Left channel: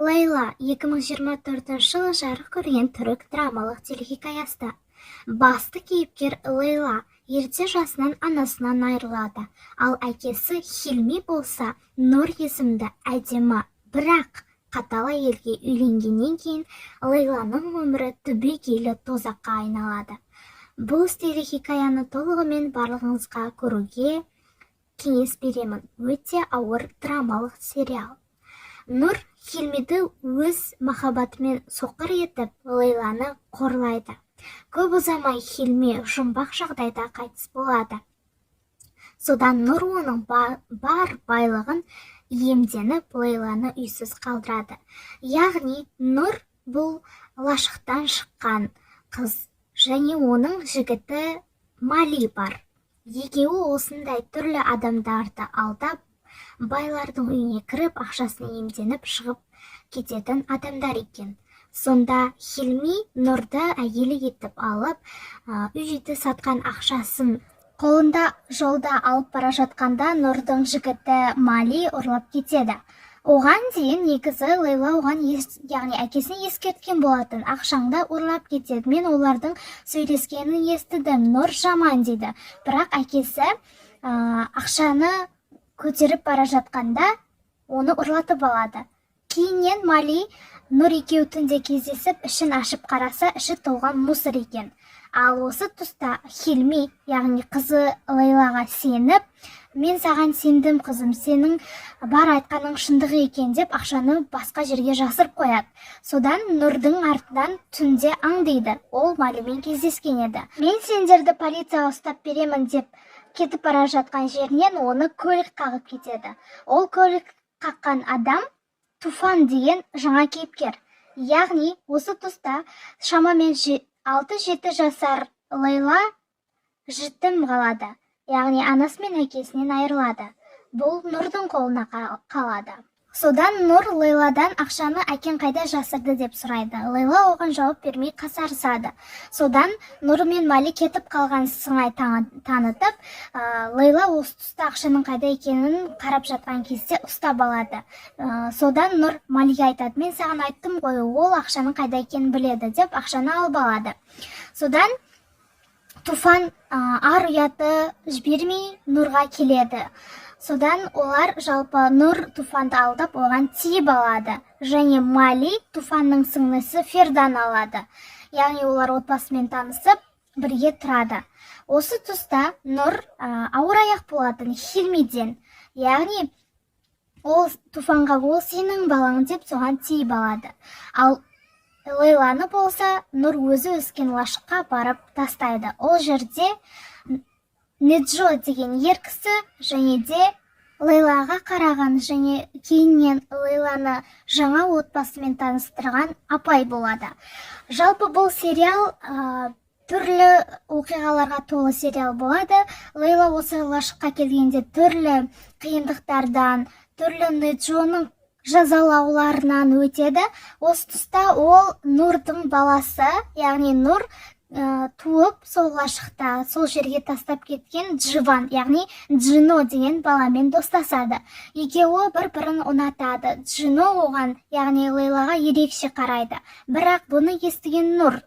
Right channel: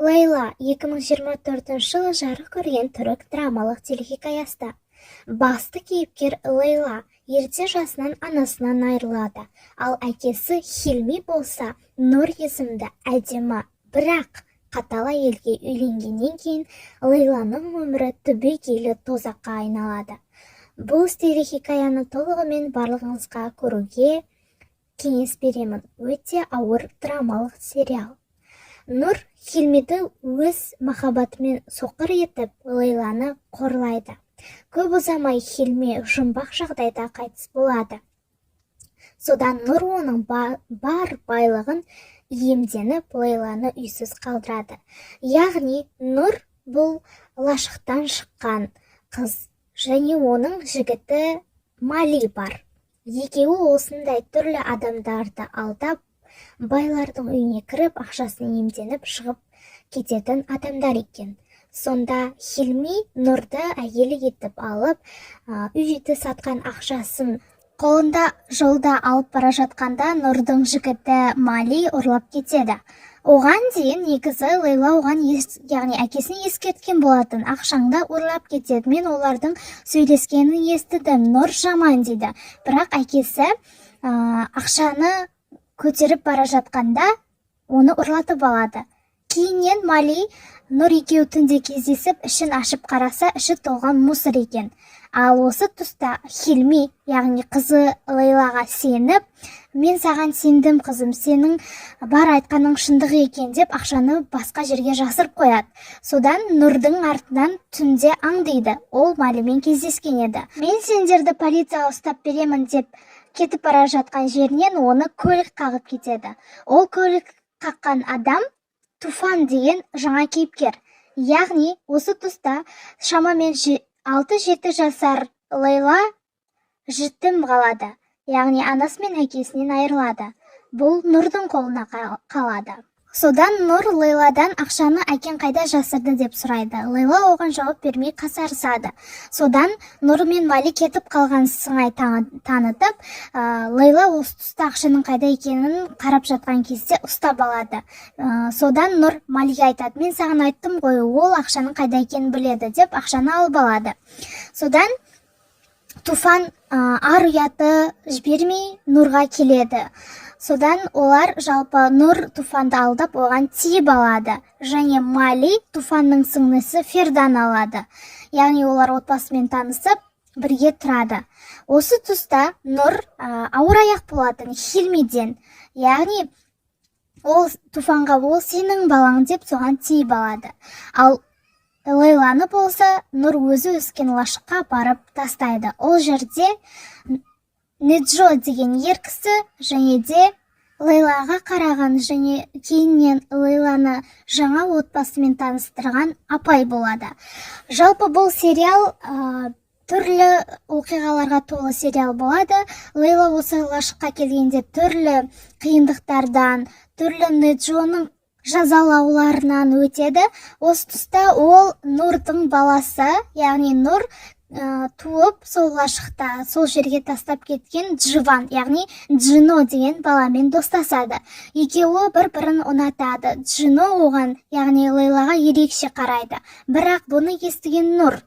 Лейла 2024 жылы жарық көрген түрік драмалық телехикаясы. Басты кейіпкер Лейла ерте жасынан анасынан айырылады, ал әкесі Хилми болса Нұр есімді әдемі, бірақ қатал әйелге үйленгеннен кейін Лейланың өмірі түбегейлі тозаққа айналады. Бұл телехикаяны толығымен барлығыңызға көруге кеңес беремін. Өте ауыр драмалық сериал. Нұр Хилмиді өз махаббатымен соқыр етіп, Лейланы қорлайды. Көп ұзамай Хилми жұмбақ жағдайда қайтыс болады. Содан Нұр оның бар байлығын иемденіп, Лейланы үйсіз қалдырады. Яғни Нұр бұл лашықтан шыққан қыз, және оның жігіті Мали бар. Екеуі осындай түрлі адамдарды алдап, байлардың үйіне кіріп, ақшасын иемденіп шығып кететін адамдар екен. Сонда Хилми Нұрды әйелі етіп алып, үйді сатқан ақшасын қолында жолда алып бара жатқанда Нұрдың жігіті Мали ұрлап кетеді. Оған дейін негізі Лейла оған яғни әкесін ескерткен болатын, ақшаңды ұрлап кетеді. Мен олардың сөйлескенін естідім, Нұр жаман дейді. Бірақ әкесі ақшаны көтеріп бара жатқанда оны ұрлатып алады. Кейіннен Мали Нұр екеуі түнде кездесіп, ішін ашып қараса, іші толған мусор екен. Ал осы тұста Хилми, яғни қызы Лейлаға сеніп, мен саған сендім қызым, сенің бар айтқаның шындық екен деп ақшаны басқа жерге жасырып қояды. Содан Нұрдың артынан түнде аңдиды, ол Малимен кездескен еді. Мен сендерді полицияға ұстап беремін деп кетіп бара жатқан жерінен оны көлік қағып кетеді. Ол көлік қаққан адам Туфан деген жаңа кейіпкер. Яғни осы тұста шамамен 6-7 жасар Лейла жетім қалады. Яғни анасы мен әкесінен айырылады. Бұл Нұрдың қолына қалады. Содан Нұр Лейладан ақшаны әкең қайда жасырды деп сұрайды. Лейла оған жауап бермей қасарысады. Содан Нұр мен Мали кетіп қалған сыңай танытып, Лейла осы тұста ақшаның қайда екенін қарап жатқан кезде ұстап алады. Содан Нұр Малиге айтады, мен саған айттым ғой, ол ақшаның қайда екенін біледі деп ақшаны алып алады. Содан Туфан ар ұяты жібермей Нұрға келеді. Содан олар жалпы Нұр Туфанды алдап оған тиіп алады. Және Мали Туфанның сіңлісі Фердан алады. Яғни олар отбасымен танысып, бірге тұрады. Осы тұста Нұр ауыр аяқ болатын Хилмиден. Яғни ол Туфанға ол сенің балаң деп соған тиіп алады. Ал Лейланы болса Нұр өзі өскен лашыққа барып тастайды. Ол жерде Неджо деген ер кісі және де Лейлаға қараған және кейіннен Лейланы жаңа отбасымен таныстырған апай болады. Жалпы бұл сериал түрлі оқиғаларға толы сериал болады. Лейла осы лашыққа келгенде түрлі қиындықтардан, түрлі Неджоның жазалауларынан өтеді. Осы тұста ол Нұрдың баласы, яғни Нұр туып сол лашықта, сол жерге тастап кеткен Дживан, яғни Джино деген баламен достасады. Екеуі бір-бірін ұнатады. Джино оған, яғни Лейлаға ерекше қарайды. Бірақ бұны естіген Нұр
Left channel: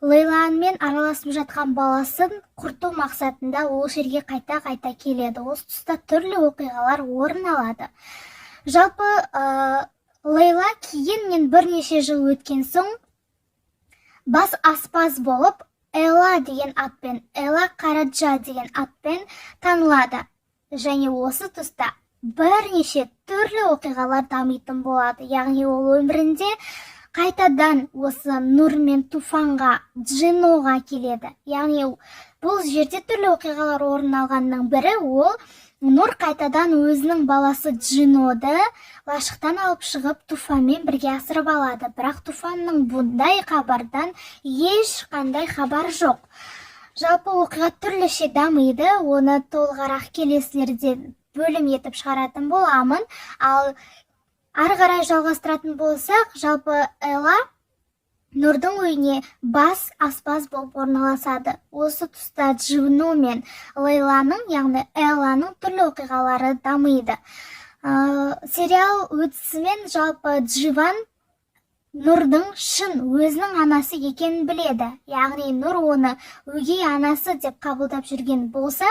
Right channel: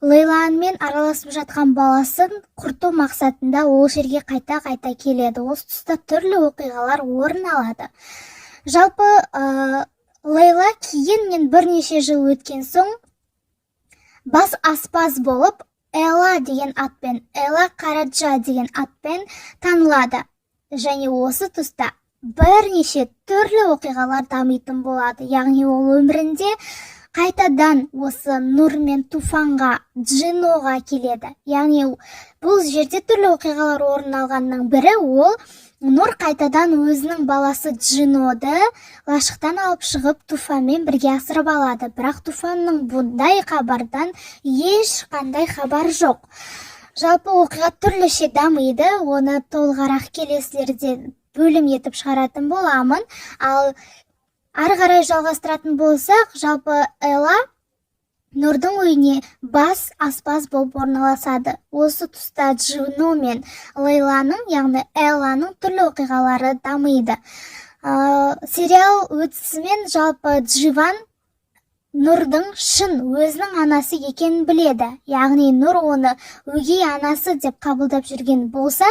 Лейламен араласып жатқан баласын құрту мақсатында ол жерге қайта-қайта келеді. Осы тұста түрлі оқиғалар орын алады. Жалпы Лейла кейін бірнеше жыл өткен соң бас аспаз болып Эла деген атпен, Эла Караджа деген атпен танылады. Және осы тұста бірнеше түрлі оқиғалар дамитын болады. Яғни ол өмірінде қайтадан осы Нұр мен Туфанға, Джиноға келеді. Яғни бұл жерде түрлі оқиғалар орын алғанның бірі ол Нұр қайтадан өзінің баласы Джиноды лашықтан алып шығып Туфанмен бірге асырап алады. Бірақ Туфанның бұндай хабардан ешқандай хабар жоқ. Жалпы оқиға түрліше дамиды, оны толығырақ келесілерде бөлім етіп шығаратын боламын. Ал ары қарай жалғастыратын болсақ, жалпы Эла Нұрдың үйіне бас аспаз болып орналасады. Осы тұста Джино мен Лейланың, яғни Элланың түрлі оқиғалары дамиды. Сериал өтісімен жалпы Дживан Нұрдың шын өзінің анасы екенін біледі. Яғни Нұр оны өгей анасы деп қабылдап жүрген болса,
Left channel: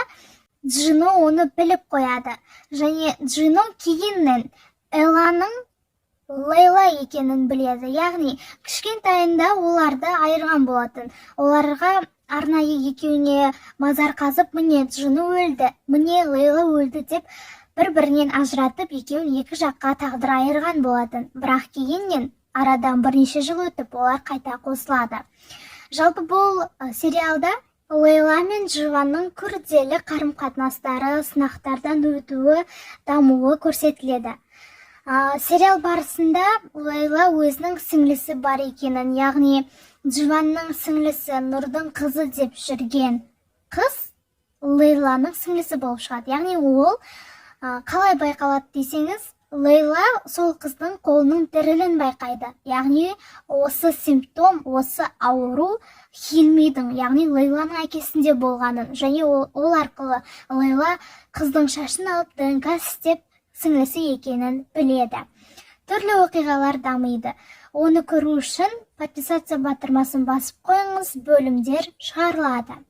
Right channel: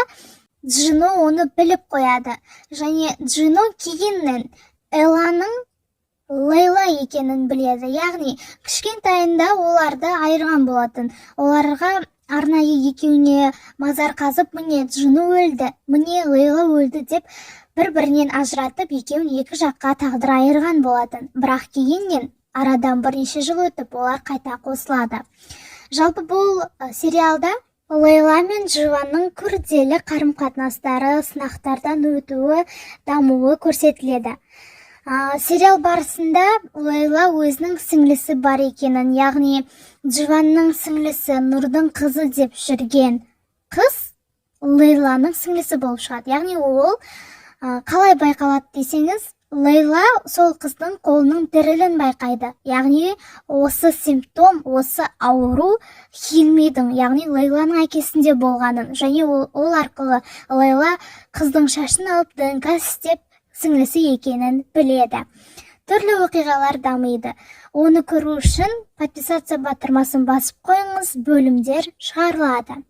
Джино оны біліп қояды. Және Джино кейіннен Элланың Лейла екенін біледі. Яғни кішкентайында оларды айырған болатын. Оларға арнайы екеуіне мазар қазып, міне Джино өлді, міне Лейла өлді деп бір-бірінен ажыратып, екеуін екі жаққа тағдыр айырған болатын. Бірақ кейіннен арадан бірнеше жыл өтіп, олар қайта қосылады. Жалпы бұл сериалда Лейла мен Дживанның күрделі қарым-қатынастары, сынақтардан өтуі, дамуы көрсетіледі. Сериал барысында Лейла өзінің сіңлісі бар екенін, яғни Дживанның сіңлісі Нұрдың қызы деп жүрген қыз Лейланың сіңлісі болып шығады. Яғни ол қалай байқалады десеңіз, Лейла сол қыздың қолының дірілін байқайды. Яғни осы симптом, осы ауру Хилмидің, яғни Лейланың әкесінде болғанын, және ол арқылы Лейла қыздың шашын алып ДНК істеп сіңлісі екенін біледі. Түрлі оқиғалар дамиды. Оны көру үшін подписаться батырмасын басып қойыңыз, бөлімдер шығарылады.